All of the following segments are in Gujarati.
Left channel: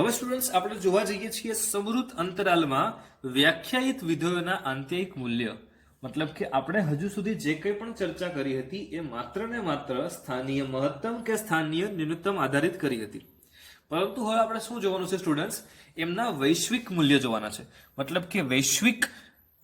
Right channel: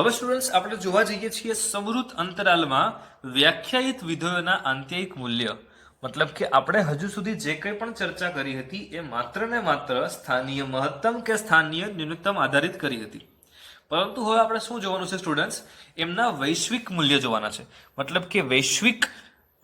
હવે સ્ટુડન્ટ્સ આપણે જોવા જઈએ છીએ સંવૃત અંતરાલમાં વ્યાખ્યાયિત વિધેયોના આંતરિક મૂલ્ય, મતલબ કે આપણે હજુ સુધી જે કંઈ પણ ચર્ચા કરી હતી એ માત્ર ને માત્ર સ્થાનીય મહત્તમ કે સ્થાનીય ન્યૂનતમ આધારિત કરી હતી. પરંતુ હવે આપણે શું જોવાનું છે સ્ટુડન્ટ્સ? એમના વૈશ્વિક મૂલ્ય જોવાના છે. મતલબ કે વૈશ્વિક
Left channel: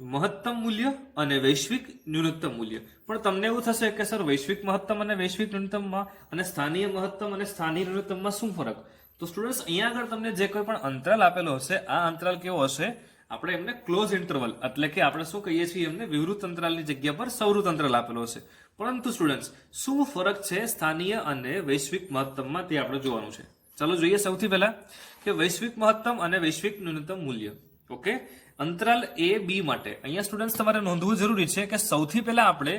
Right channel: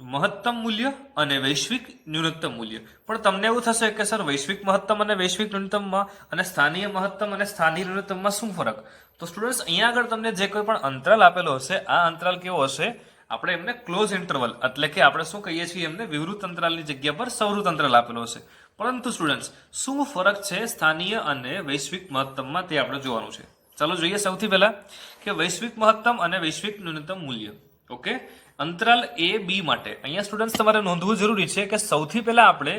મહત્તમ મૂલ્ય અને વૈશ્વિક ન્યૂનતમ મૂલ્ય. પણ તમને એવું થશે કે સર વૈશ્વિક મહત્તમ અને વૈશ્વિક ન્યૂનતમમાં અને સ્થાનીય મહત્તમ અને સ્થાનીય ન્યૂનતમમાં શું ફરક? તો સ્ટુડન્ટ્સ અહીંયા આગળ તમને જે કોઈ પણ અંતરાલ આપેલો હશે, આ અંતરાલ કેવો હશે? આપણે એમને ક્લોઝ ઇન્ટરવલ એટલે કે આપણે શું કહીએ છીએ એમને વિવૃત અંતરાલની જગ્યા પર સંવૃત અંતરાલ આપેલો હશે. પરંતુ સ્ટુડન્ટ્સ શું ફરક છે સ્થાનીય અને વૈશ્વિક મહત્તમમાં તે આપણે જોવાનું છે. ચાલો જોઈએ સૌથી પહેલા કે વૈશ્વિક મહત્તમ અને વૈશ્વિક ન્યૂનતમ મૂલ્ય. ઓકે, અંતરાલ એ બી માટે અહીંયા સ્ટુડન્ટ્સ તમારે નોંધવું જરૂરી છે કે સૌથી પહેલા આપણે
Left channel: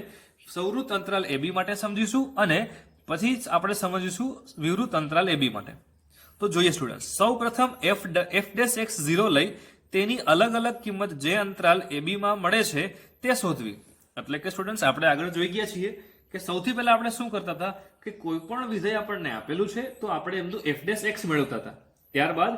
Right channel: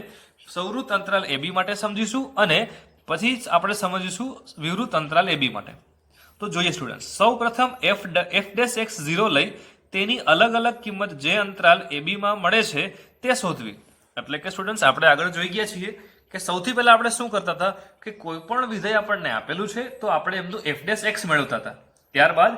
સંવૃત અંતરાલ એ બી માટે સમજીશું અને પછી જ આપણે સમજીશું વિવૃત અંતરાલ એ બી માટે. તો જોઈએ સ્ટુડન્ટ્સ, સૌ પ્રથમ f'(x0) લઈ તેની અલગ અલગ કિંમત જે અંતરાલ એ બી માં મળે છે તે શોધવી. એટલે કે સ્ટુડન્ટ્સ આપણે આગળ જોઈ ગયા છીએ કે સૌથી પહેલા આપણે શું કરતા હતા કે કોઈ પણ વિધેય આપણને આપેલું છે તો આપણે એમનું f'(x) મેળવતા હતા. ત્યારબાદ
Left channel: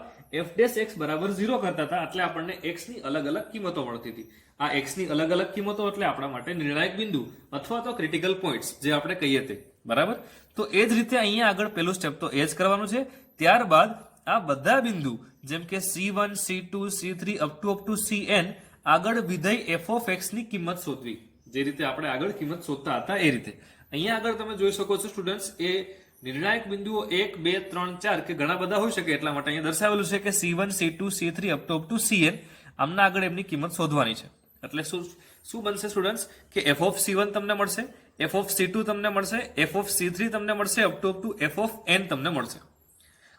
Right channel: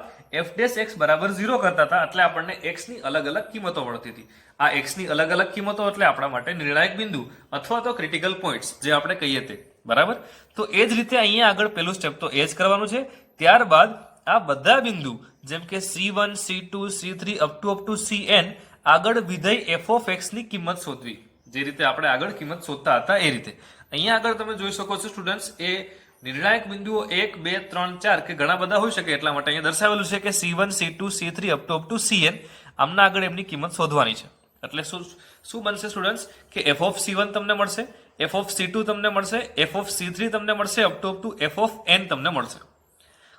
f'(x) બરાબર 0 કરતા હતા એટલે આપણને x ની અલગ અલગ કિંમતો મળતી હતી. આ x ની અલગ અલગ કિંમતો એટલે આપણા માટે નિર્ણાયક બિંદુ અથવા તો ક્રિટિકલ પોઈન્ટ્સ જે આપણે કહીએ તે. બરાબર? તો એ જ રીતે અહીંયા આગળ પેલું સ્ટેપ તો એ જ કરવાનું છે. ત્યારબાદ આ બધા બિંદુ જેમ કે C1, C2, C3 up to Cn આગળ વિધેય f(x) ની કિંમત શોધવી. જે રીતે આપણે આગળ કિંમત શોધતા હતા એ રીતે અહીંયા આગળ તમે જોઈ શકો છો સ્ટુડન્ટ્સ, એ નિર્ણાયક બિંદુઓ 1, 2, 3, 4 કે ઘણા બધા હોઈ શકે એટલા માટે અહીંયા દર્શાવેલું છે કે C1, C2, C3 up to Cn આમના આગળ એમની કિંમત શોધવાની છે. એટલે શું બનશે સ્ટુડન્ટ્સ કે f(c1) તમને મળશે, f(c2) તમને મળશે, f(c3) તમને મળશે, અપ ટુ fn તમને મળશે.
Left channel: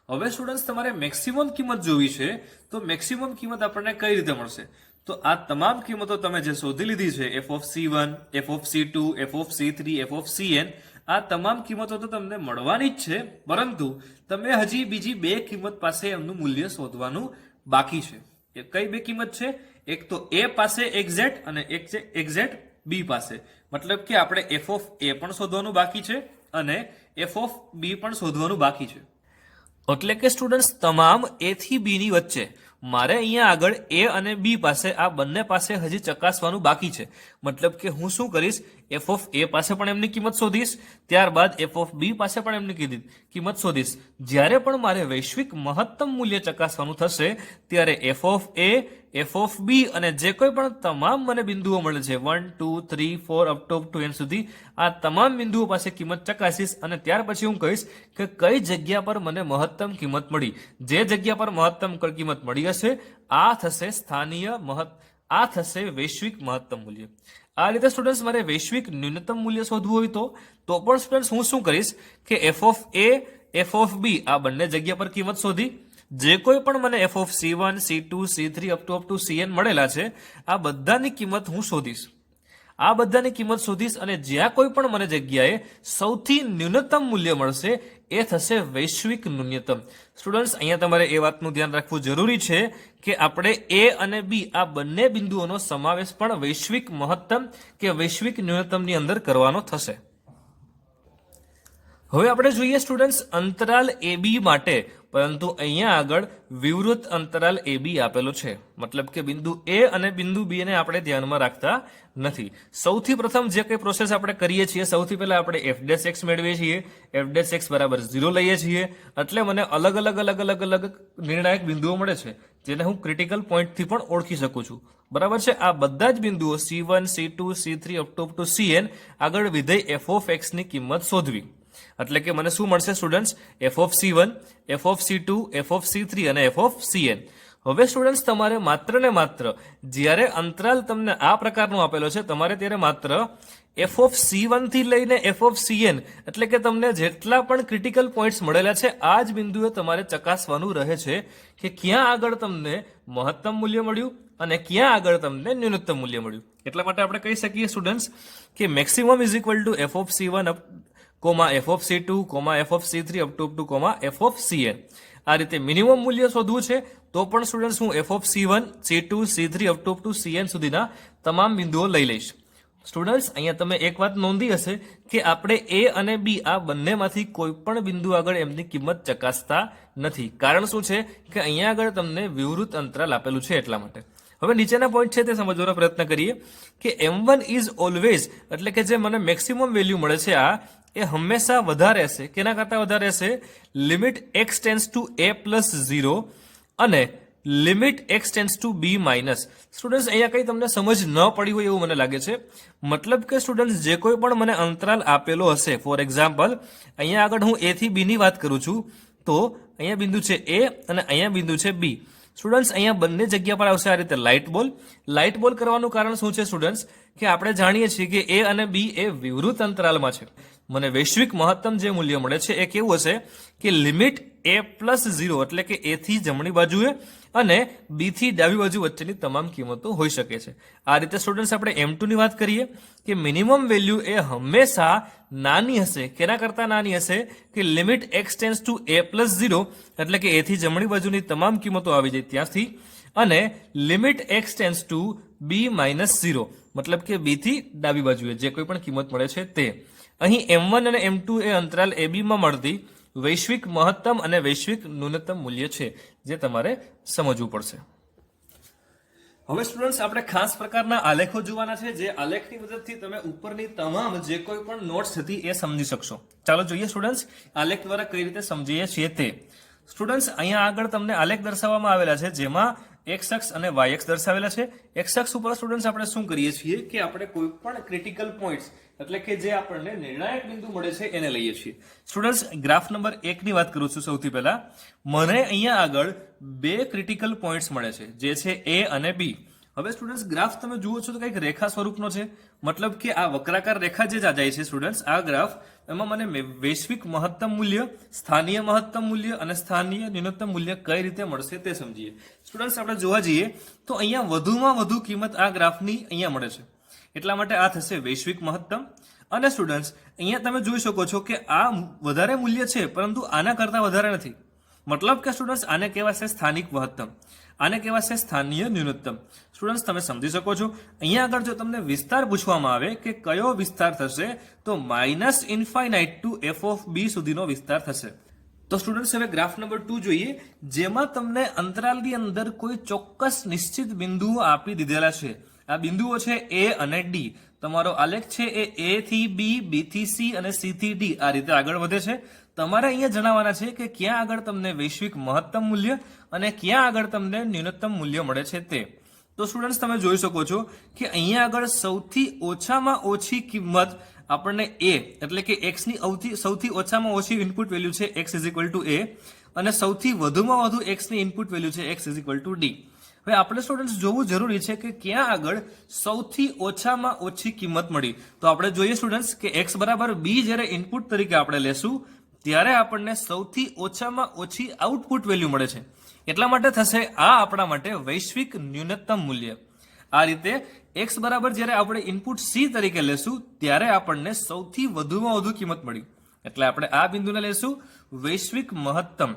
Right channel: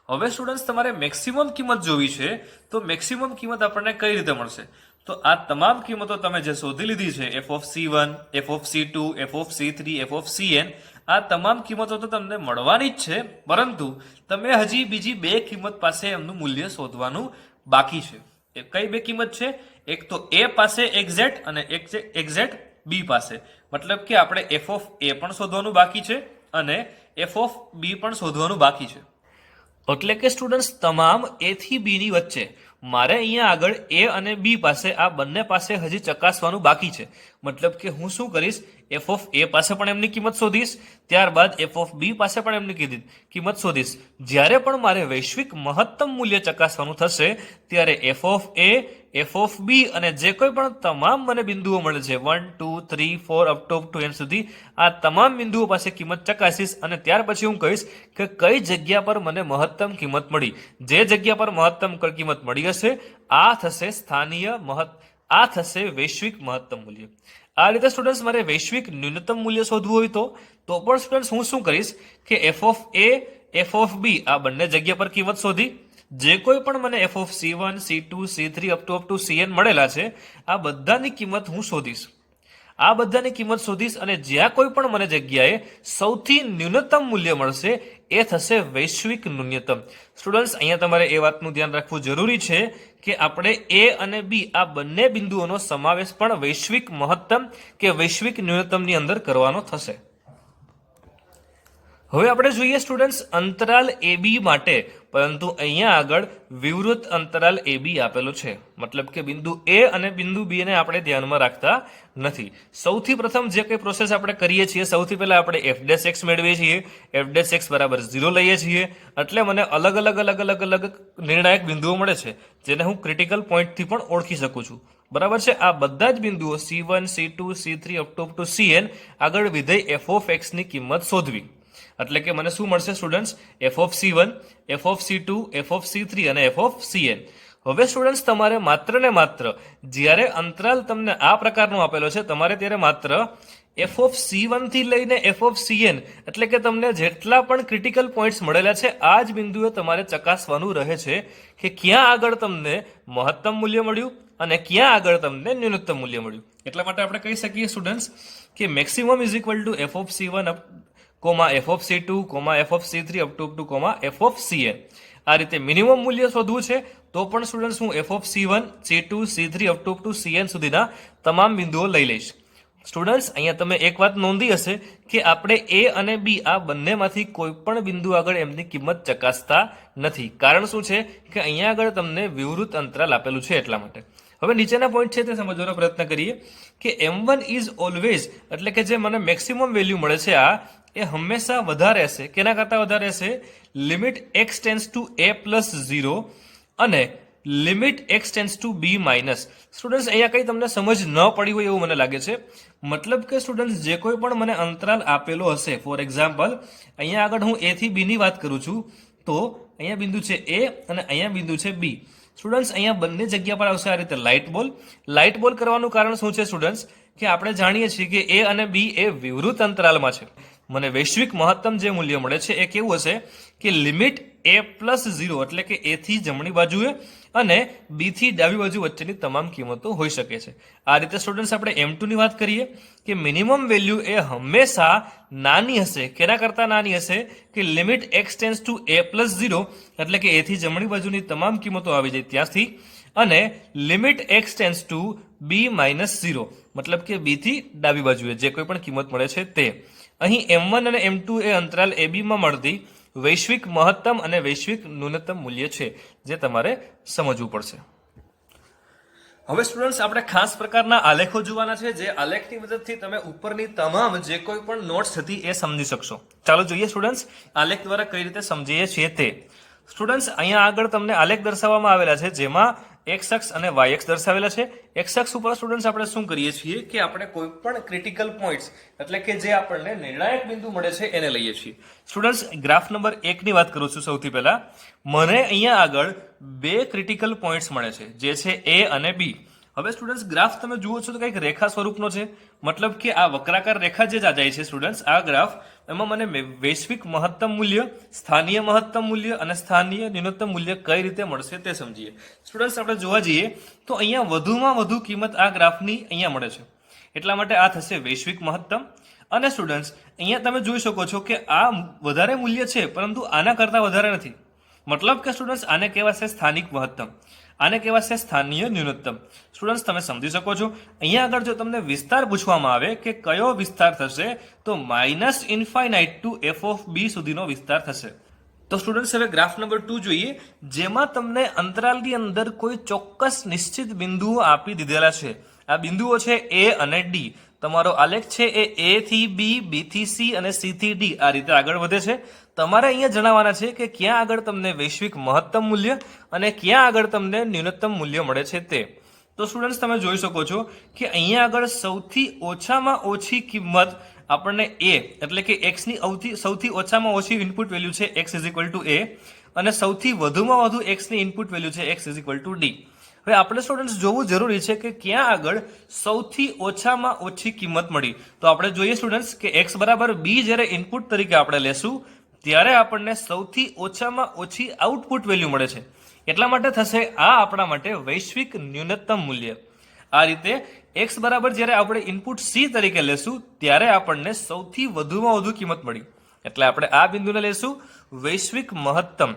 હવે સ્ટુડન્ટ્સ તમારે મેક્સિમમ કિંમત જોવી છે તો મેક્સિમમ કિંમત આપણને કઈ રીતે મળશે? તો આ તમામ કિંમતો તમે જે શોધી લીધી છે f(c1), f(c2), f(c3), fcn આ તમામ કિંમતો તો તમને મળવાની જ છે, પરંતુ તમે હજી બીજી બે કિંમત પાસે એમનું મૂલ્ય શોધવાનું બાકી છે. એ કઈ બે કિંમત છે? એક તો a પાસે એક્ઝેક્ટ અને એક છે એક્ઝેક્ટ b પાસે. મતલબ કે આપણે f(a) પણ શોધવાનું બાકી છે અને f(b) પણ શોધવાનું બાકી છે. એટલે કે સ્ટુડન્ટ્સ તમામ a થી b ની વચ્ચે મારે અહીંયા આગળ a અને b પાસે આ બંને પાસે હજી ચકાસવાનું બાકી છે. મતલબ કે હું શું કરીશ, f(a) પાસે પણ એમની કિંમત શોધીશ, ત્યારબાદ f(b) પાસે પણ એમની કિંમત શોધીશ. જ્યારે પણ મારે વૈશ્વિક મહત્તમ મૂલ્ય ચકાસવાનું થશે ત્યારે f(a), f(b) અને જે કોઈ પણ તમામ મને બિંદુઓ મળે છે 1, 2, 3, 4 અપ ટુ n સુધી આ તમામ બિંદુઓ પાસે કિંમત ચકાસીશ અને ત્યાર પછી હું કહીશ કે કઈ જગ્યા પર મને મહત્તમ કિંમત મળી. જે જગ્યા પર મહત્તમ કિંમત મળી હશે આ થશે આ થશે વૈશ્વિક મહત્તમ મૂલ્ય. આ રીતે સ્ટુડન્ટ્સ મારે વૈશ્વિક ન્યૂનતમ મૂલ્ય શોધવું હોય તો પણ સ્ટુડન્ટ્સ હું શું કરીશ કે f(a), f(b) આ બંને જગ્યા પર કિંમત શોધી જે કોઈ પણ મને f(c1), c2, c3 up to cn મળેલા છે આ બધાની કિંમત હું શોધીશ. આ બધાની કિંમત શોધીશ અને જ્યાં કોઈ પણ મને જગ્યાએ સૌથી ન્યૂનતમ મૂલ્ય મળશે એ થશે વૈશ્વિક ન્યૂનતમ. સ્ટુડન્ટ્સ અહીંયા તમારે એ વાતનું ધ્યાન રાખવું જરૂરી છે કે આપણે a અને b આ બંને બિંદુઓનો સમાવેશ પણ વૈશ્વિક મહત્તમ કે વૈશ્વિક ન્યૂનતમની અંદર કરવાનો થશે. હવે આપણે જોઈએ સ્ટુડન્ટ્સ અંતરાલ એ બી માટે, પરંતુ અહીંયા આગળ વિવૃત અંતરાલ એ બી આપેલો છે. મતલબ કે બિંદુ a અને બિંદુ b ને આપણે ધ્યાનમાં રાખતા નથી. સૌથી પ્રથમ જે કંઈ પ્રોસેસ આપણે કરીએ છીએ સૌથી પહેલા આપણે f'(x) મેળવીએ છીએ, f'(x) બરાબર 0 લઈએ છીએ એટલે મને અલગ અલગ નિર્ણાયક બિંદુઓ મળે છે જેને હું ક્રિટિકલ પોઈન્ટથી પણ ઓળખી શકું છું. બરાબર છે? આ બધા જ બિંદુઓ C1, C2, C3 up to Cn આગળ વિધેય f(x) ની કિંમત શોધવી. એટલે કે મને શું મળશે સ્ટુડન્ટ્સ? f(c1), f(c2), f(c3) અને fcn. હવે સ્ટુડન્ટ્સ તમારે માત્ર ને માત્ર જ્યારે અંતરાલ તમને આ પ્રકારનો આપેલો છે તમારે ત્યારે માત્ર f(c1) થી લઈને fcn એટલે કે તમને જેટલા પણ ક્રિટિકલ પોઈન્ટ્સ મળેલા છે આ જ બિંદુએ તમારે ચકાસવાનું રહે છે કે ક્યાં આગળ તમને મહત્તમ મૂલ્ય મળ્યું અને ક્યાં આગળ તમને ન્યૂનતમ મૂલ્ય મળ્યું. એટલા માટે આપણે કહી શકીએ સ્ટુડન્ટ્સ કે maximum is equal two f(c1), f(c2), f(c3) up to fcn. આ રીતે મિનિમમ મૂલ્ય શોધવું છે તો પણ સ્ટુડન્ટ્સ હું f(c1), c2, c3 up to cn સુધીના તમામ બિંદુઓ લઈ લઈશ. સ્ટુડન્ટ્સ, અહીંયા તમે એક વાત નોંધી હશે કે આપણે એ અને બી આ બંનેમાંથી કોઈ પણ બિંદુ આગળ એમની કિંમત ચકાસતા નથી. કારણ શું છે કે અહીંયા આગળ તમને વિવૃત અંતરાલ આપેલું છે એટલા માટે. હવે નીચેના પોઈન્ટ છે તે સમજવાનો પ્રયત્ન કરીએ કે M1 ઇઝ ઓલવેઝ, એટલે કે જે મને મેક્સિમમ વેલ્યુ મળે છે આ, એ હંમેશા વધારે હશે. કેના કરતાં વધારે હશે? Limit x tense two a plus 0 અને limit x tense two b minus. Students, અહીંયા કંઈ તમને સમજ ન પડી હોય એવું મને લાગે છે. મતલબ કે સ્ટુડન્ટ્સ, જે કોઈ પણ મને અંતરાલ આપેલો હશે, ફોર એક્ઝામ્પલ અહીંયા આગળ હું a થી b ની વાત કરું છું, તો અહીંયા બિંદુ છે a અને અહીંયા બિંદુ છે b. સ્ટુડન્ટ્સ, અહીંયા બંને જગ્યા પર આવશે આ રીતે લાઇટ બોલ. લાઇટ બોલ કરવાનું કારણ શું છે સ્ટુડન્ટ્સ? કે આપણે જાણીએ છીએ કે a અને b એ વિવૃત અંતરાલમાં છે. મને વૈશ્વિક મહત્તમ જે મૂલ્ય મળે છે એ કેવું હશે કે લિમિટ a પ્લસ 0, એટલે કે a થી જમણી બાજુએ અને b થી ડાબી બાજુ વચ્ચેની તમામ કિંમતો હોઈ શકે છે. આ રીતે સ્ટુડન્ટ્સ આપણે M2 ની વાત કરીએ કે મિનિમમ વેલ્યુ એ હંમેશા નાની હશે. કેના કરતાં નાની હશે? કે limit x tense two a plus 0, એટલે કે a થી જમણી બાજુની તમામ કિંમતો આવી જાય ત્યાંથી, અને limit x tense two b minus 0, મતલબ કે b થી ડાબી બાજુએ જે કોઈ પણ કિંમત મળે છે તે. અહીં M1 અને M2 એ અંતરાલ AB માં મળતી વૈશ્વિક મહત્તમ અને વૈશ્વિક ન્યૂનતમ મૂલ્ય છે, જે તમારે સમજવું પડશે. હવે સ્ટુડન્ટ્સ, આપણે ખાસ પ્રકારના આલેખો જોવાના છે, જે આલેખની મદદથી તમે ઉપરની તમામ જે કોઈ પણ નોટ્સ હતી એ સમજી શકશો. ચાલો જોઈએ સ્ટુડન્ટ્સ, આલેખ દ્વારા કઈ રીતે સમજીએ છીએ તે. સ્ટુડન્ટ્સ, અહીંયા આગળ તમને આલેખ દર્શાવવામાં આવેલા છે, જેમાં x અક્ષ અને y અક્ષ દર્શાવેલા છે. x અક્ષ ઉપર સ્ટુડન્ટ્સ આપણે શું કરીએ છીએ કે આપણે કોઈ પણ ક્રિટિકલ પોઈન્ટ્સ, એટલે કે જે આપણને નિર્ણાયક બિંદુ મળે છે એને લઈએ છીએ. સ્ટુડન્ટ્સ, ગ્રાફ નંબર 1 ની વાત કરું છું. સૌથી પહેલા મને અહીંયા આગળ બે ક્રિટિકલ પોઈન્ટ્સ મળે છે, જે છે a અને b. હવે સ્ટુડન્ટ્સ, ગ્રાફ તમે જુઓ છો તો કંઈક રેખા સ્વરૂપનો છે, મતલબ કે આ વક્રાકાર રેખા જે જાય છે સ્ટુડન્ટ્સ, આ ગ્રાફ, એમાં મને વૈશ્વિક મહત્તમ મૂલ્ય, સ્થાનીય મહત્તમ મૂલ્ય અને સ્થાનીય ન્યૂનતમ મૂલ્ય કઈ રીતે મળશે તે સમજીએ. સ્ટુડન્ટ્સ, આપણે જોવા જઈએ તો અહીંયા વધુમાં વધુ કિંમત આ ગ્રાફની અહીંયા મળે છે, એટલા માટે આ થશે વૈશ્વિક મહત્તમ. અને સ્ટુડન્ટ્સ, અહીંયા તમે જોઈ શકો છો કે આ વધારે મૂલ્ય છે, પરંતુ આના કરતાં વધારે નથી. મતલબ કે સ્ટુડન્ટ્સ, આને કહેવાશે સ્થાનિક મહત્તમ, આને કહેવાશે સ્થાનીય ન્યૂનતમ. સ્ટુડન્ટ્સ, તમે સમજી શકો છો. અહીંયા આગળ જો તમને વિસ્તાર પૂછવામાં આવે કે કયો વિસ્તાર થશે, તો minus infinite to f of b સુધીનો વિસ્તાર થશે. તો સ્ટુડન્ટ્સ, હવે ગ્રાફ નંબર 2 જોઈએ, જેમાં તમને અંતરાલની અંદર કોઈ ચોક્કસ નિશ્ચિત બિંદુઓ આપી દીધેલા છે. આ બિંદુઓ છે a અને d. તમારો આલેખ છે એ a થી b, b થી c અને c થી d આ રીતે આગળ વધે છે. તમારે અહીંયા જણાવવાના છે કે ક્યાં આગળ તમને વૈશ્વિક મહત્તમ મૂલ્ય અને ક્યાં આગળ તમને ન્યૂનતમ મૂલ્ય મળે છે તે. તો સ્ટુડન્ટ્સ, તમે જોઈ શકો છો કે અહીંયા આગળ સૌથી ઓછામાં ઓછી કિંમત આપણને a, એટલે કે x ની સૌથી ઓછામાં ઓછી ઇનપુટ વેલ્યુ છે x is equal two a, અને સૌથી વધુમાં વધુ x ની ઇનપુટ વેલ્યુ છે x is equal two d. હવે આપણે સ્ટુડન્ટ્સ જોવું જરૂરી છે કે ક્યાં આગળ સૌથી ઓછામાં ઓછી કિંમત મળી. તો આપણે જોઈએ સ્ટુડન્ટ્સ કે x બરાબર b જ્યારે ઇનપુટ તરીકે આપણે લેશું, ત્યારે આપણને સૌથી ઓછામાં ઓછી આઉટપુટ વેલ્યુ મળે છે. એટલા માટે થશે આ આપણા માટે વૈશ્વિક ન્યૂનતમ મૂલ્ય. આ રીતે x બરાબર જ્યારે આપણે ઇનપુટ c તરીકે લેશું, ત્યારે આપણને સૌથી વધુમાં વધુ કિંમત મળી, એટલે આપણે આ બિંદુને લેશું વૈશ્વિક મહત્તમ.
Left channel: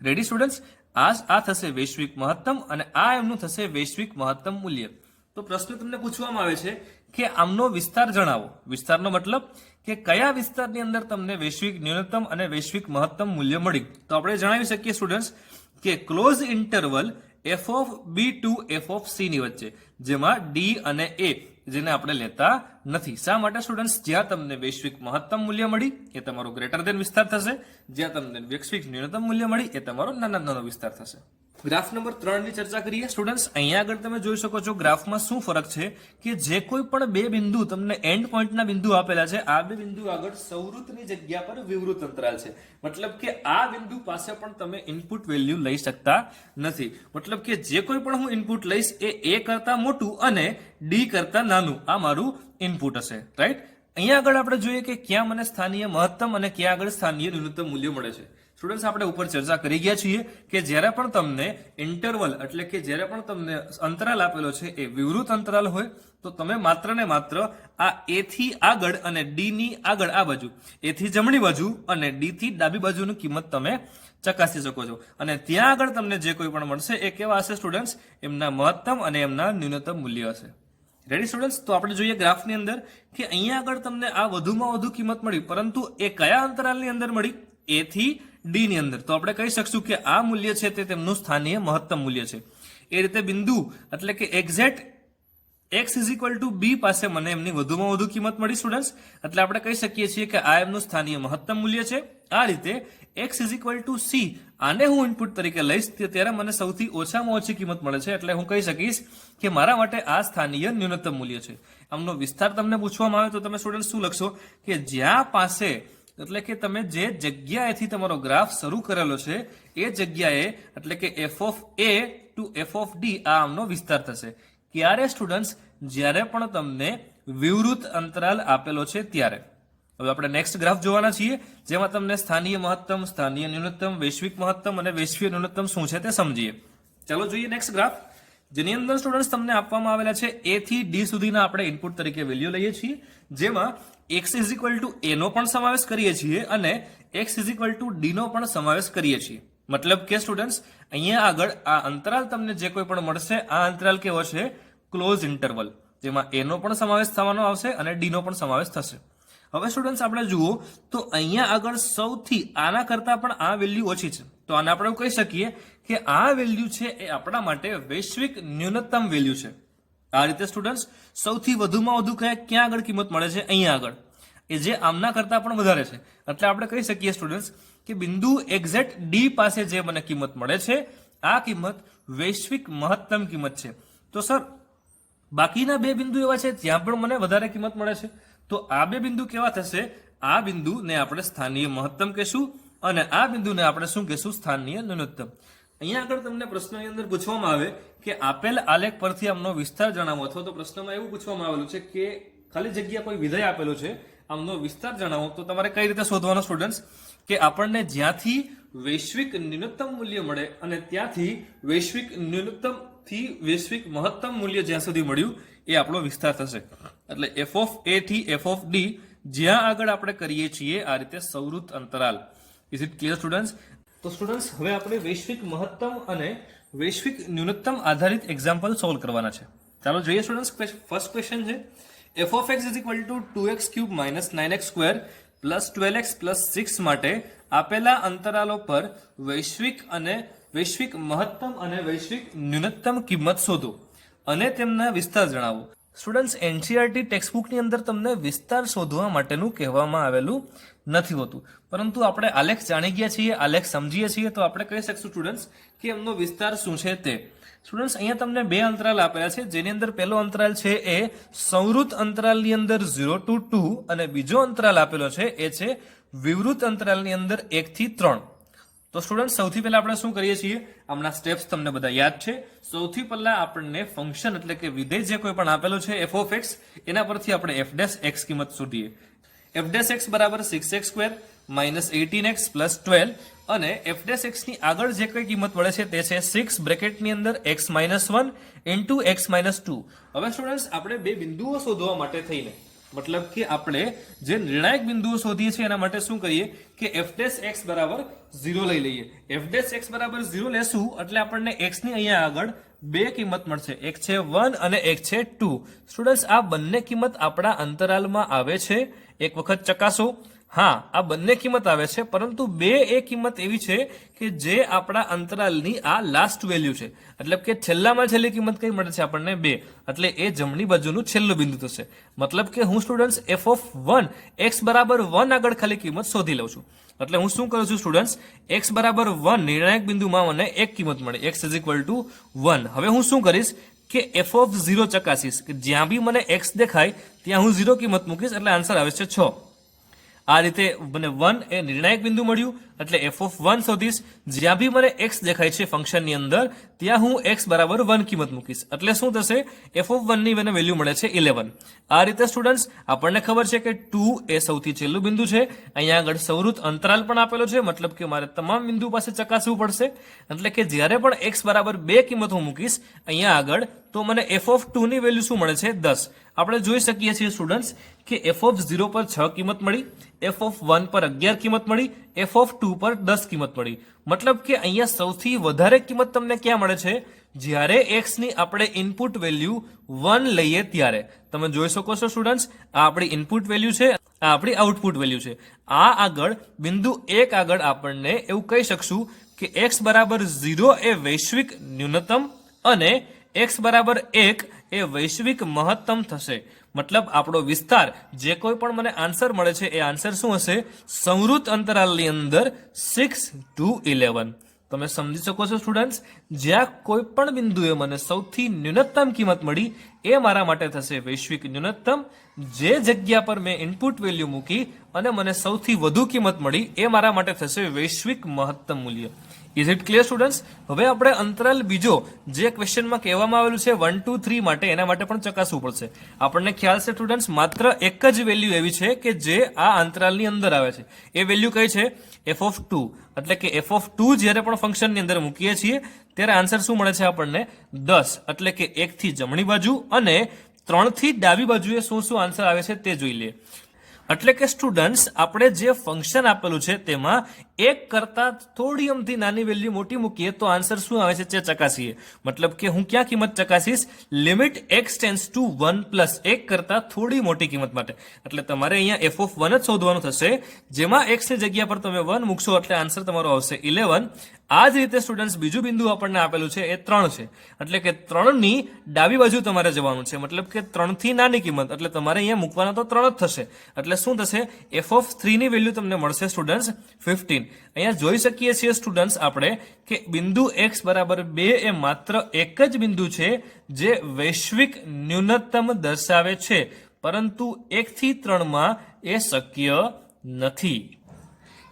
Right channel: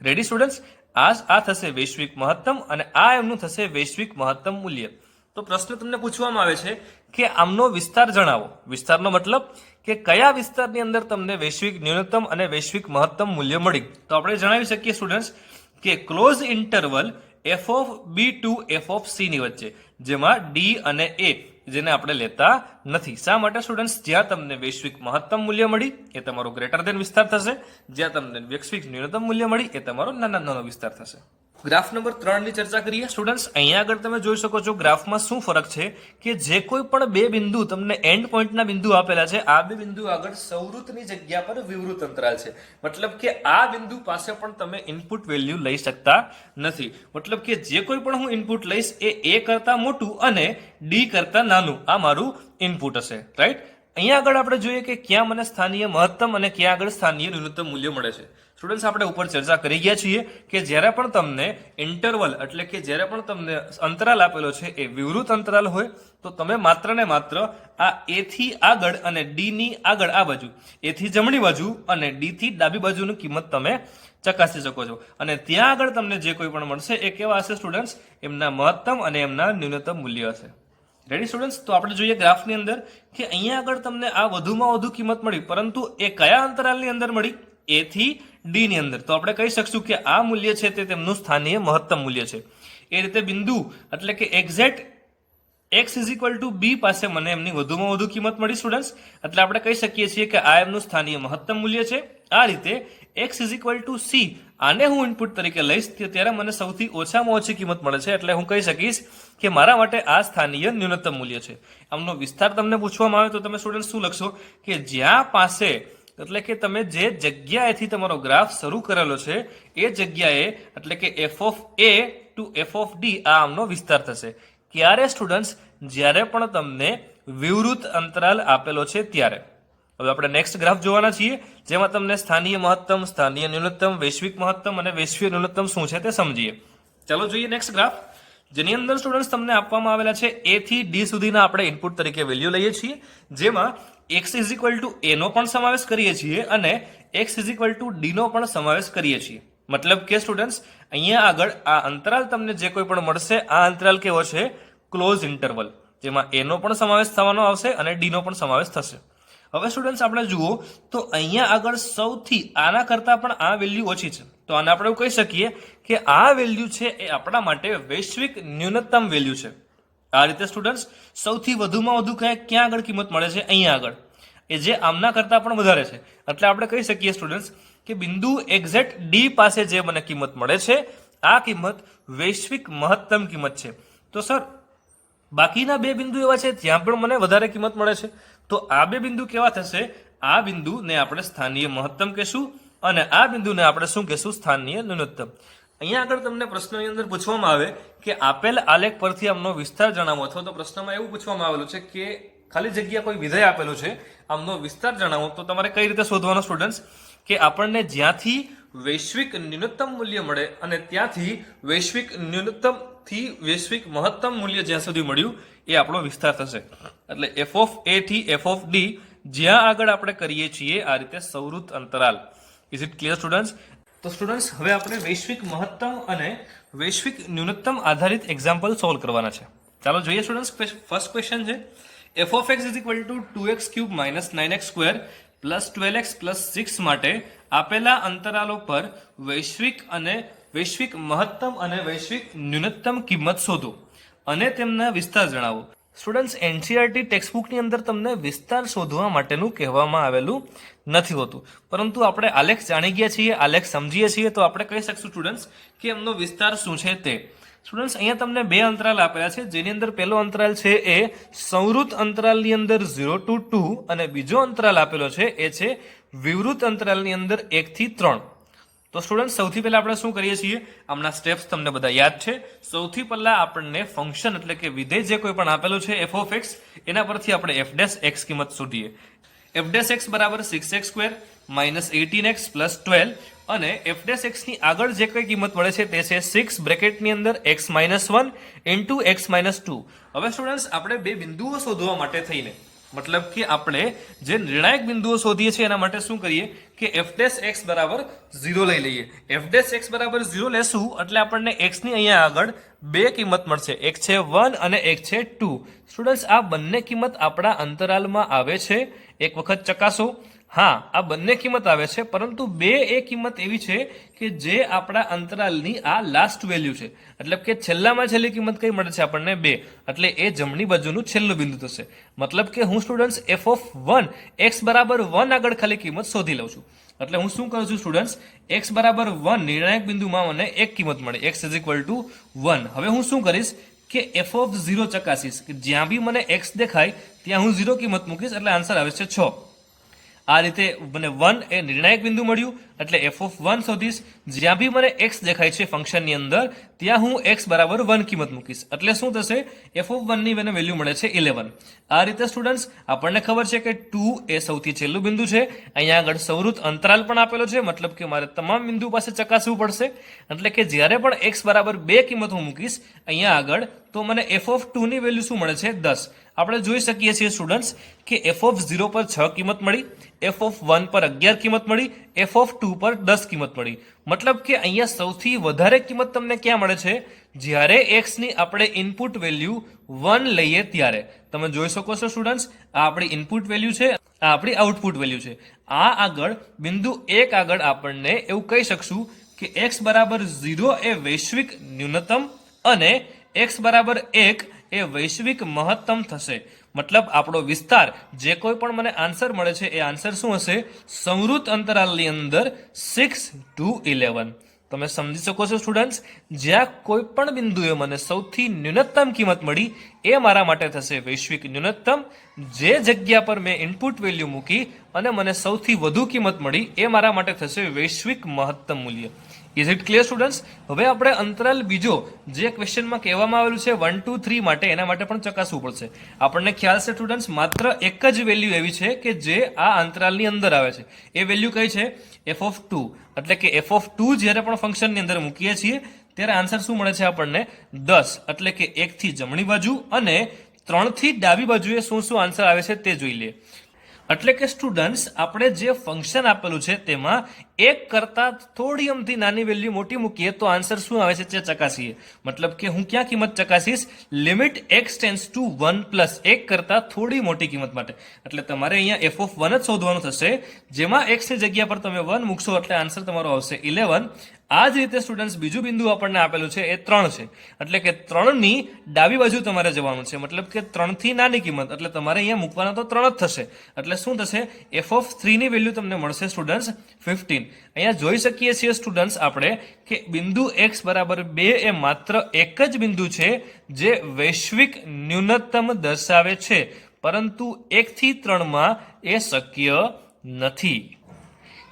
Ready students? આ થશે વૈશ્વિક મહત્તમ અને આ એમનું થશે વૈશ્વિક મહત્તમ મૂલ્ય. તો પ્રશ્ન તમને પૂછવામાં આવે છે કે આમનો વિસ્તાર જણાવો. વિસ્તારનો મતલબ કે કયા વિસ્તારની અંદર તમને વૈશ્વિક ન્યૂનતમ અને વૈશ્વિક મહત્તમ મૂલ્ય મળી. તો આપણે જણાવી શકીએ સ્ટુડન્ટ્સ કે close interval f of b to f of c ની વચ્ચે, જેમાં d અને a જેને આપણે લેતા નથી. શા માટે સ્ટુડન્ટ્સ? જ્યાં તમને વૈશ્વિક મહત્તમ મૂલ્ય મળી એ તમારો ગ્રેટર ધેન વિસ્તાર થશે, જ્યાં તમને વૈશ્વિક ન્યૂનતમ મૂલ્ય મળી એ તમારો નાનો વિસ્તાર થશે. ગ્રાફ નંબર 3 ની ચર્ચા કરીએ. સ્ટુડન્ટ્સ, અહીંયા આગળ તમે જોઈ શકો છો ગ્રાફમાં શું ફરક છે કે જે કોઈ પણ બે બિંદુ તમને એન્ડ પોઈન્ટના બિંદુ આપેલા છે, આ બે બિંદુ આગળ સૌવૃતની જગ્યા પર વિવૃત અંતરાલ છે. મતલબ કે આ બિંદુ પાસે પણ તમે ઇનપુટ વેલ્યુ લઈ શકતા નથી. મતલબ કે જે કોઈ પણ હું ઇનપુટ લઈશ એ a કરતા મોટું અને d કરતા નાનું આ મારું ઇનપુટ હશે. રાઈટ? અહીંયા આગળ આપણે જોઈએ કે ક્યાં મને સ્થાનીય મહત્તમ અને ક્યાં આગળ સ્થાનીય ન્યૂનતમ મૂલ્ય મળે છે. સ્ટુડન્ટ્સ, આપણે ઉપર ચર્ચા કરી ગયા છીએ કે જ્યારે પણ તમને ઇન્ટરવલ, એટલે કે જ્યારે પણ તમને અંતરાલ આપેલો છે એ વિવૃત અંતરાલ હોય, તો તમે માત્ર ને માત્ર આ a થી આગળ અને d ની આગળ આ બાજુ, a થી જમણી બાજુ અને d થી ડાબી બાજુની કિંમત તમે ચકાસી શકો છો. અને ત્યાં આગળ તમને જે કોઈ પણ મળશે એ કેવા હશે સ્ટુડન્ટ્સ? એમના મહત્તમ અને એમના ન્યૂનતમ મૂલ્ય હશે. Ready students? તો આપણે જોઈએ ગ્રાફની અંદર કે અહીંયા આગળ તમને આ વધુમાં વધુ કિંમત મળી, પરંતુ એ કયા અંતરાલની અંદર મળી? એ થી ડી ની અંદર. તો આપણે કહી શકશું કે આ મૂલ્ય છે તે તેમનું સ્થાનીય મહત્તમ મૂલ્ય છે. એ રીતે બિંદુ એટલે કે exact x is equal to B પાસે મને એમની વધુમાં વધુ કિંમત મળી સ્ટુડન્ટ્સ. એટલે આપણે કહી શકીએ છીએ કે આ એમનું સ્થાનીય મહત્તમ મૂલ્ય છે. આ રીતે x is equal two C, આને હું ઇનપુટ તરીકે લઈશ ત્યારે મને સૌથી ઓછામાં ઓછી કિંમત મળે છે. એટલે હું કહી શકીશ કે મારા માટે આ સ્થાનીય ન્યૂનતમ મૂલ્ય છે. આમનો વિસ્તાર તમને પૂછવામાં આવે તો તમે સ્ટુડન્ટ શું લખશો કે જ્યાં પાસે એટલે કે તમે જે જગ્યાએથી તમારો ગ્રાફ શરૂ કરેલો છે એ જગ્યાએ એટલે કે F of A to F of D આ આમનો વિસ્તાર થશે. ક્યારે સ્ટુડન્ટ્સ? જ્યારે પણ તમને વિવૃત અંતરાલ આપેલો છે ત્યારે. હવે આપણે નેક્સ્ટ ગ્રાફ જોવાના છીએ, જેમાં તમને સ્થાનીય મહત્તમ, સ્થાનીય ન્યૂનતમ, વૈશ્વિક મહત્તમ અને વૈશ્વિક ન્યૂનતમ શું છે તે સમજીએ. ચાલો જોઈએ નેક્સ્ટ ગ્રાફ, જેની અંદર સ્ટુડન્ટ્સ તમને આપવામાં આવેલા છે એ થી ડી સુધીના આપણે ઇનપુટ તરીકે વેલ્યુ લઈએ છીએ, જેમાં x is equal to A નો પણ સમાવેશ કરીએ છીએ અને x is equal to D નો પણ સમાવેશ કરીએ છીએ. મતલબ કે સ્ટુડન્ટ્સ અહીંયા આગળ આ અંતરાલ તમને જે કોઈ પણ મળશે આ અંતરાલ કેવો છે? ક્લોઝ ઇન્ટરવલ, જેમાં એ નો પણ સમાવેશ થવાનો આવશે અને ડી નો પણ સમાવેશ થશે. હવે સ્ટુડન્ટ્સ આપણે જુઓ તો અહીંયા આગળ સૌથી આના કરતા પણ આ વેલ્યુ ઓછી છે, તો આને આપણે કહી શકીએ કે આ વેલ્યુ છે એ આપણા માટે વૈશ્વિક ન્યૂનતમ વેલ્યુ છે. આ રીતે સ્ટુડન્ટ્સ સૌથી વધુમાં વધુ ક્યાં આગળ કિંમત મળે છે? અહીંયા આગળ, એ જે આમના કરતા પણ વધારે છે. એટલે આપણે કહી શકીએ સ્ટુડન્ટ્સ કે બિંદુ એક્ઝેક્ટ ડી પાસે જે મને કિંમત મળે છે આ કિંમત વૈશ્વિક મહત્તમ કિંમત છે. તો સર બાકીના બે બિંદુ એવા છે જ્યાં પણ મને વધારે કિંમત મળે છે, તો આ બે બિંદુ કેવા થશે? આ બિંદુને આપણે સ્થાનીય મહત્તમ કહેશું અને આ બિંદુને આપણે શું કહેશું? સ્થાનીય ન્યૂનતમ. અહીંયા આગળ તમને પ્રશ્નની અંદર પૂછવામાં આવે કે આપેલ આલેખ પરથી આમનો વિસ્તાર જણાવો, અથવા તો પ્રશ્નમાં એવું પૂછવામાં આવેલું છે કે ખાલી જગ્યા કોઈ વિધેય આપેલું છે, આમનો વિસ્તાર જણાવો. તો તમારે કઈ રીતે શોધવાનો સ્ટુડન્ટ્સ કે આપણને જ્યાંથી વૈશ્વિક ન્યૂનતમ મૂલ્ય મળે અને ત્યાંથી વૈશ્વિક ન્યૂનતમ થી વૈશ્વિક મહત્તમ મૂલ્ય જ્યાં સુધી મળ્યું એ આપણો વિસ્તાર થશે. એટલે એફ ઓફ એ થી એફ ઓફ ડી જ્યાં આગળ આપણે કરીએ છીએ આ રીતે સૌરુત અંતરાલ. Is it clear students? તો સ્ટુડન્ટ્સ હવે આપણે વૈશ્વિક મહત્તમ અને વૈશ્વિક ન્યૂનતમ આધારિત એક્ઝામ્પલ સોલ્વ કરવાના છે. ચાલો જોઈએ સ્ટુડન્ટ્સ. ફર્સ્ટ ક્વેશ્ચન છે F of x is equal two 2x cube minus 9x square plus 12x plus 6 માટે આપેલા અંતરાલો પર વૈશ્વિક મહત્તમ અને વૈશ્વિક ન્યૂનતમ કિંમત શોધો અને તેમના વિસ્તાર જણાવો. સ્ટુડન્ટ્સ એનસીઈઆરટી ટેક્સ્ટબુકની અંદર તમને વિસ્તાર શોધવા માટેનું કહેવામાં આવેલું નથી હોતું, પરંતુ આપણે આલેખ જાણી ગયા છીએ, આલેખ સમજીએ છીએ, તો આપણે કહી શકશું સ્ટુડન્ટ્સ કે એમનો વિસ્તાર શું છે તે. સ્ટુડન્ટ્સ અહીંયા તમને બે અંતરાલ આપેલા છે, જેની અંદર પહેલો અંતરાલ છે એ સંવૃત અંતરાલની અંદર 0 to 2 અને બીજો અંતરાલ આપેલો છે એ છે વિવૃત અંતરાલની અંદર 1 થી 3. તો સ્ટુડન્ટ સૌથી પહેલા આપણે શું કરીએ છીએ? આમના સ્ટેપ્સ તમને બધા યાદ છે. સૌથી પહેલા આપણને ફંક્શન એટલે કે વિધેય જે કોઈ પણ આપેલું છે એફ ઓફ એક્સ, એના પરથી આપણે એફ ડેશ એક્સ કિંમત શોધીએ. એફ ડેશ એક્સ બરાબર 6x square minus 18x plus 12 અને એફ ડેશ એક્સ ની આગળ જે કઈ કિંમત મળે છે તે છે 6 બ્રેકેટની અંદર x minus 1 into x minus 2. હવે સ્ટુડન્ટ્સ આપણે બે બિંદુઓ શોધવા માટે થઈને મતલબ કે આપણે જે નિર્ણાયક બિંદુઓ શોધીએ છીએ એના માટે શું કરીએ કે એફ ડેશ એક્સ બરાબર 0 લઈ લઈએ. એફ ડેશ એક્સ બરાબર 0 લેશું એટલે આપણને x ની અહીંયા આગળ બે કિંમત મળશે, એક છે 1 અને એક છે 2. સ્ટુડન્ટ્સ આ બંને કિંમત આપણા અંતરાલમાં આવે છે, એક વખત ચકાસો. હા, આ બંને કિંમત આવે છે, પરંતુ બે એ કિંમત એવી છે કે જે આપણા અંતરાલની આ લાસ્ટ વેલ્યુ છે, એટલે કે છેલ્લામાં છેલ્લી કિંમત કઈ મળે છે આપણને 2, એટલે એ જમણી બાજુનું છેલ્લું બિંદુ થશે. મતલબ કે હું સ્ટુડન્ટ્સ એફ ઓફ 1 x બરાબર 1 આગળ ખાલી કિંમત શોધી લઉં છું. એટલે હું શું કરું છું સ્ટુડન્ટ્સ, x બરાબર 1 નિર્ણાયક બિંદુમાં મને એક કિંમત મળે, x ઇઝ ઇક્વલ ટુ 1. હવે હું શું કરીશ કે એફ ઓફ 0 ચકાસીશ, કે જ્યાં બી મને x દેખાય ત્યાં હું 0 કિંમત મૂકીશ, એટલે આન્સર આવે છે 6. આ રીતે મને 1 એ નિર્ણાયક બિંદુ મળ્યું, એટલે એફ ઓફ 1 શોધીશ. જ્યાં બી મને x દેખાય છે ફંક્શનની અંદર ત્યાં હું x બરાબર 1 કિંમત મૂકીશ, એટલે શું થશે એફ ઓફ 1 ની મને વેલ્યુ મળે છે 11. આ રીતે સ્ટુડન્ટ્સ આપણને ખબર છે કે 2 એ સૌથી છેલ્લું બિંદુ છે. અહીંયા આગળ સૌરુત અંતરાલ પણ આપેલો છે, મતલબ કે મારે તમામ બિંદુ પાસે ચકાસવું પડશે, એટલે કે જ્યારે પણ x બરાબર 2 કિંમત હું મૂકીશ અહીંયા આગળ તો મને એફ ઓફ 2 ની વેલ્યુ શું મળે છે 10. આપણે જોઈ શકીએ છીએ સ્ટુડન્ટ્સ કે એફ ઓફ 0 પર 6 કિંમત મળી, એફ ઓફ 1 પર 11 કિંમત મળી, એફ ઓફ 2 પર 10 કિંમત મળી. મતલબ કે અહીંયા સૌથી વધારે કિંમત તમને ક્યાં મળે છે? જ્યારે x ની આપણે ઇનપુટ વેલ્યુ 1 લઈએ ત્યારે. તમે જોઈ શકો છો સ્ટુડન્ટ્સ, આ આપણી ઇનપુટ વેલ્યુ છે, આ આપણી આઉટપુટ વેલ્યુ છે. આ આગળ બિંદુ 1 આગળ આપણને એવું કહી શકશું કે x બરાબર 0 એ વૈશ્વિક ન્યૂનતમ અને x બરાબર 1 એ વૈશ્વિક મહત્તમ થશે. મતલબ આપણો વિસ્તાર જે કોઈ પણ મને આન્સર મળે છે એ આન્સર શું હશે? સંવૃત અંતરાલની અંદર 6 to 11. તમે સમજી શકો છો સ્ટુડન્ટ્સ, જ્યાં કોઈ પણ બિંદુએ મને સૌથી ન્યૂનતમ કિંમત મળી એ મારા માટે થશે વૈશ્વિક ન્યૂનતમ. જે જગ્યા પર મેં ઇનપુટ વેલ્યુ મૂકી અને મને સૌથી વધુ કિંમત મળી એ મારા માટે થશે વૈશ્વિક મહત્તમ મૂલ્ય. Is it clear students? હવે આપણે અંતરાલ બીજો જે ક્વેશ્ચનમાં કહેવામાં આવેલું છે 1 2 3 માટે, એના માટે પણ ચકાસવું પડશે. આપણને ખ્યાલ છે સ્ટુડન્ટ્સ, માત્ર એક જ વેલ્યુ એવી છે કે જે આ અંતરાલની અંદર આવે છે. એ વેલ્યુ કઈ છે? F of 2. એટલે કે એફ ઓફ 2 જ્યારે પણ ફંક્શનની અંદર મૂકીએ છીએ ત્યારે આન્સર શું મળે છે આપણને? 10. એટલે કે 1 થી જમણી બાજુ અને 3 થી ડાબી બાજુએ શું શું આન્સર આવે છે તે જોઈ લઈએ. એટલે કે સ્ટુડન્ટ્સ, આપણે જે ફંક્શન આપેલું છે તેમાં 1 કરતા થોડી અમથી નાની વેલ્યુ મોટી મૂકીએ તો આન્સર શું આવે છે તે ચકાસીએ. મતલબ કે હું ક્યાં કિંમત ચકાસીશ? Limit x tends to 1 plus 1 કરતા થોડી મોટી કિંમત માટે. એટલે તમારે અહીંયા એફ ઓફ 1 જ શોધવાનું થશે, જેમાં x ની જગ્યા પર તમે 1 મૂકશો એટલે આન્સર તમારો આવશે 11. આ જ રીતે સ્ટુડન્ટ્સ બીજું બિંદુ આપણને આપેલું છે એ 3 છે. એટલે કે 3 ની ડાબી બાજુ તમારે જવાનું છે. મતલબ કે 3 થી નાની કિંમત, એટલે તમારે અહીંયા મૂકવાના તો 3 જ થશે. એટલે શું થશે? એફ ઓફ 3 ની વેલ્યુ તમને મળશે સ્ટુડન્ટ્સ 15. અહીંયા જોઈ શકીએ છીએ સ્ટુડન્ટ્સ આપણે કે બિંદુ x બરાબર 2 એ માત્ર એક જ બિંદુ છે જે વૈશ્વિક ન્યૂનતમ દર્શાવે છે, પરંતુ 1 થી 3 માં એ શક્ય નથી.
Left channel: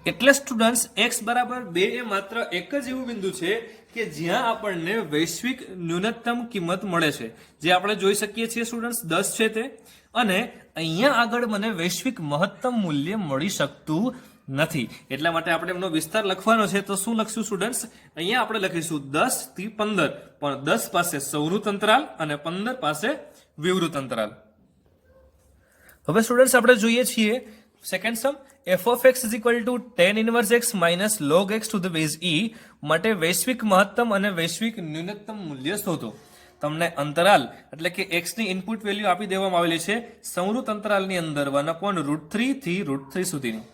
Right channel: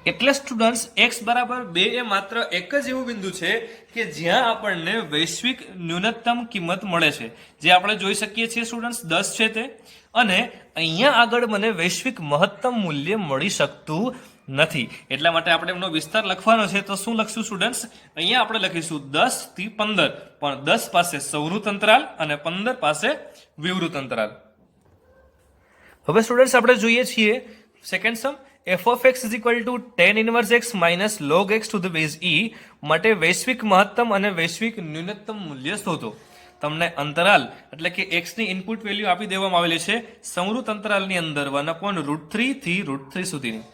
એટલે સ્ટુડન્ટ્સ, x બરાબર 2 એ માત્ર એક જ એવું બિંદુ છે કે જ્યાં આપણને વૈશ્વિક ન્યૂનતમ કિંમત મળે છે, જે આપણે જોઈ શકીએ છીએ સ્ટુડન્ટ્સ 10 છે તે. અને અહીંયા આગળ મને વૈશ્વિક મહત્તમ મૂલ્ય મળી શકતું નથી. એટલા માટે આપણે એમનો વિસ્તાર લખવાનો છે. તો શું લખશું સ્ટુડન્ટ્સ? અહીંયા આપણે લખીશું 10 થી 15, પણ 10 પાસે સંવૃત અંતરાલ અને 15 પાસે વિવૃત અંતરાલ. હવે સ્ટુડન્ટ્સ આપણે જોઈએ છીએ second sum. f of x is equal to tan inverse x minus log x to the base e માટે વૈશ્વિક મહત્તમ અને વૈશ્વિક ન્યૂનતમ મૂલ્ય શોધો. તમને અંતરાલ એટલે કે x ની ઇનપુટ વેલ્યુ આપી દેવામાં આવેલી છે સંવૃત અંતરાલની અંદર 1/√3 થી √3 સુધીની.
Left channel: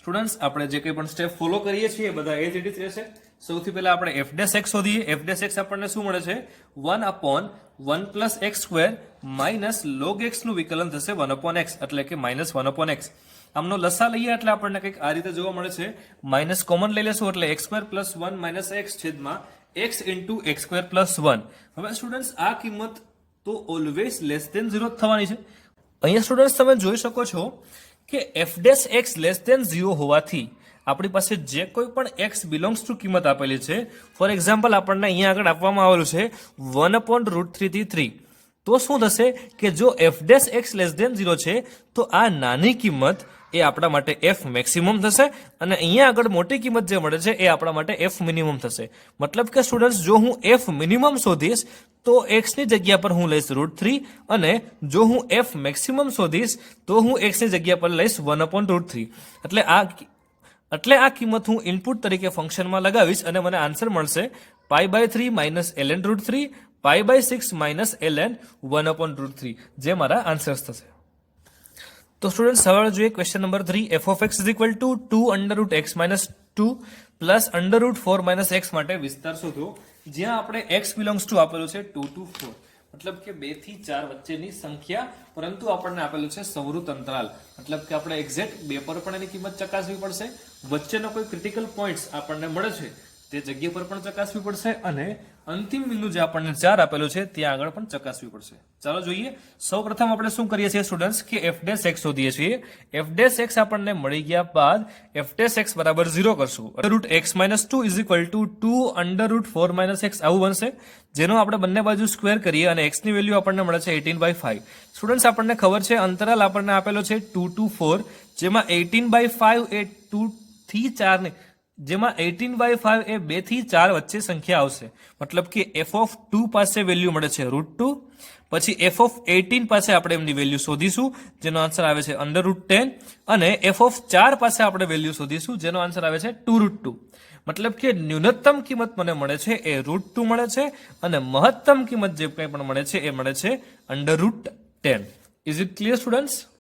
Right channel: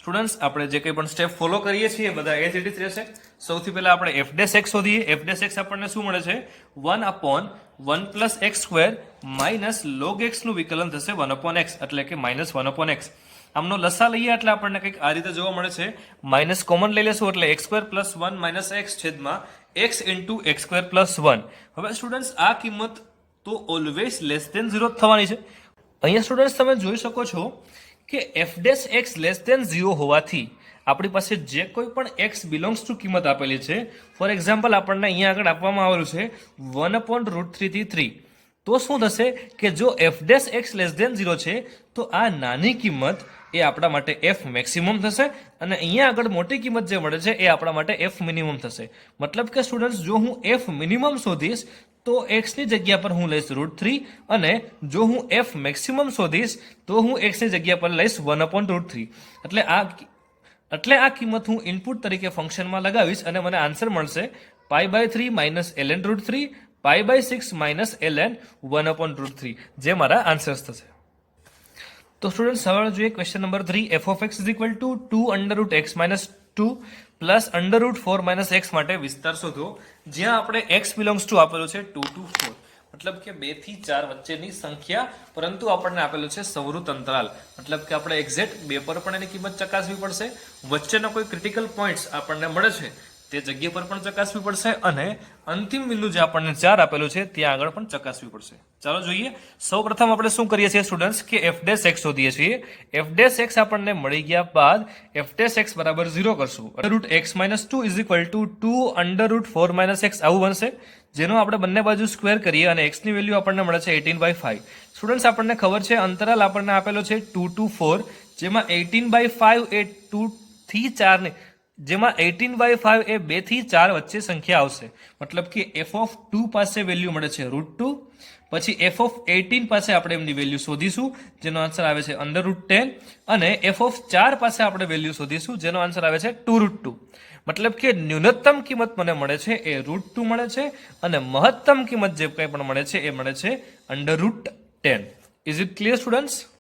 સ્ટુડન્ટ્સ, આપણે જે કંઈ પણ સ્ટેપ ફોલો કરીએ છીએ બધા એ જ રીતે રહેશે. સૌથી પહેલા આપણે f ડેશ x શોધીએ. f ડેશ x આપણને શું મળે છે? 1/1 plus x square minus log x નું વિકલન થશે 1/x, એટલે કે -1/x. આમનો લસા લઈએ એટલે આપણને કંઈક આ રીતે જોવા મળે છે. માઇનસ કોમન લઈ લેશું એટલે x square plus 1 minus x છેદમાં x into x square plus 1. હવે સ્ટુડન્ટ્સ, આ કિંમત તો ઓલવેઝ લેસ દેન 0 થવાની છે. અહીંયા સ્ટુડન્ટ્સ તમે જોઈ શકો છો કે f dash x less than 0 હોવાથી આપણી પાસે જે કોઈ પણ x બિલોંગ્સ ટુ કિંમત આપેલી છે, ફોર એક્ઝામ્પલ આપણને અહીંયા આગળ આપવામાં આવેલું છે 1/√3 થી 3. તો શું થશે કે જો f dash x less than 0 છે તો આ નાની કિંમત એ આપણા માટે f મેક્સિમમ થશે અને અહીંયા આગળ મોટી કિંમત જે મળે છે એ આપણા માટે f મિનિમમ થશે. મતલબ કે સ્ટુડન્ટ્સ, જો હું f મિનિમમ શોધીશ તો x ની જગ્યા પર હું લઈશ √3 અને જો હું f મેક્સિમમ શોધીશ તો હું x ની જગ્યા પર લઈશ 1/√3. એટલે આ કિંમત હું ઇનપુટ તરીકે ફંક્શનમાં લગાવીશ અને મને આન્સર મળશે π/3 માઇનસ ln √3 π/6 માઇનસ ln 1/√3, જે મારા આન્સર્સ થશે. તો સ્ટુડન્ટ્સ, હવે જોઈએ question number 3. f of x is equal to 2√x minus 2 plus √4 minus x માટે વિસ્તાર શોધો, જ્યાં આપણે x બિલોંગ્સ ટુ આપેલું છે 2 to 4, મતલબ કે 2 થી 4 વચ્ચેની સંખ્યા, પરંતુ આપણને આપેલું છે સંવૃત અંતરાલ. મતલબ કે આપણે એક્ઝેક્ટ 2 પર પણ એની કિંમત ચકાસવી પડશે, વચ્ચેનો કોઈ ક્રિટિકલ પોઈન્ટ્સ આપણને મળે છે તે જગ્યા પર પણ ચકાસવી પડશે અને અંતિમ બિંદુ જે આપણને 4 આપેલું છે ત્યાં આગળ પણ ચકાસવી પડશે. ચાલો જોઈએ. સૌપ્રથમ આપણે શું કરીએ છીએ સ્ટુડન્ટ્સ કે f ડેશ x શોધીએ છીએ. f ડેશ x આપણને મળી ગયા બાદ f ડેશ x બરાબર 0 કરશું. √x - 2 is equal to 2√4 - x આવું બનશે, જેનો આપણે બંને બાજુ સ્ક્વેર કરીએ અને x ની વેલ્યુ આપણને મળે છે 18/5. સ્ટુડન્ટ્સ, આપણને ખબર છે અંતરાલ આપણને આપેલો છે 2 to 4, જેમાં 18/5 એ 2 થી 4 ને જેમાં 18/5 એ 2 થી 4 વચ્ચે સંખ્યા આવશે. મતલબ કે f of 2 પાસે વેલ્યુ મળે છે √2, પછી f(18) પાસે આપણે એમની વેલ્યુ શોધીશું, જેનો આન્સર આવે છે √10, અને f(4) પાસે આપણે વેલ્યુ શોધીશું, જેનો આન્સર આવે છે 2√2. મતલબ કે ન્યૂનતમ કિંમત મને મળે છે એ √2 મળે છે, અને મહત્તમ કિંમત જે કંઈ પણ મળે છે એ મળે છે √10. Is it clear students?